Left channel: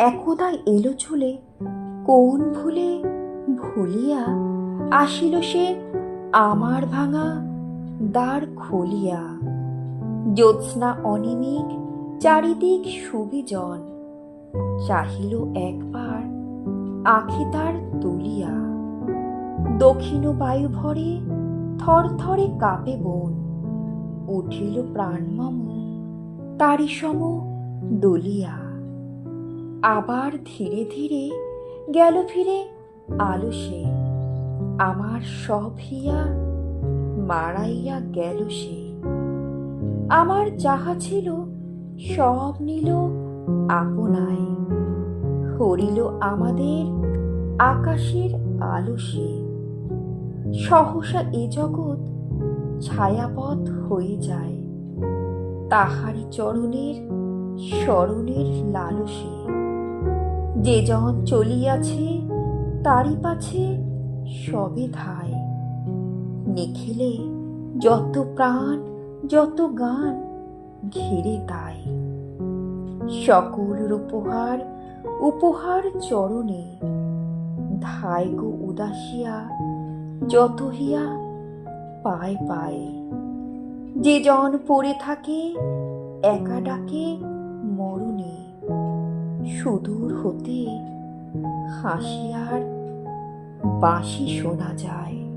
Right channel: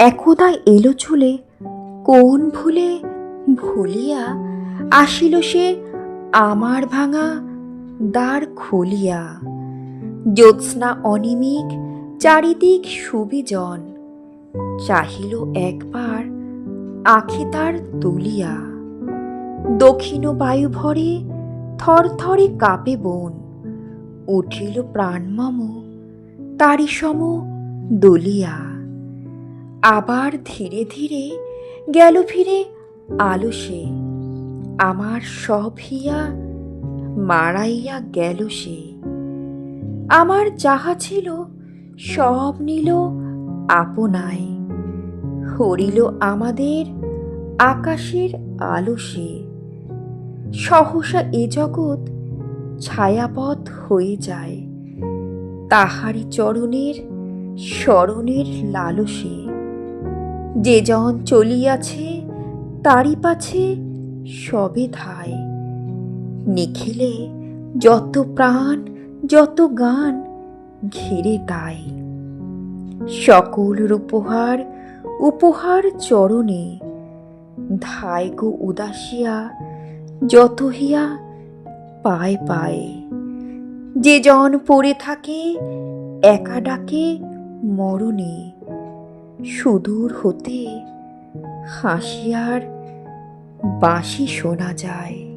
একদা এলো চুলে, কোন ভুলে ভুলিয়া আসিল সে আমার ভাঙা দ্বার খুলিয়া। জ্যোৎস্না অনিমিক, চারিদিক সুবিজন, চাহিল একবার আখি তার তুলিয়া। দক্ষিণ বায়ু ভরে থরথরে কাঁপে বন, উঠিল প্রাণমম তারি সম দলিয়া। আবার ধীরে ধীরে গেল ফিরে আলো সে। আমার সব হিয়া মারাইয়া গেল সে। আমার যাহা ছিল সব নিল আপনায়। হরিল আমাদের আকাশের আলো সে। সহসা এ জগৎ ছায়াপথ হয়ে যায়। তাহারি চরণের স্মরণের লালসে। যে জন চলিয়াছে, তারই পাছে সবে ধায়। নিখিলে যত প্রাণ, যত গান ঘিরে তাই। সকল উপহার উপহার চরণে ধায় গো উদাসিয়া, যত হিয়া পায় পায়। যে জন পড়ে থাকে, একা ডাকে মরণে। সুদূর হতে হাসিয়ার বাঁশি শোনা যায়।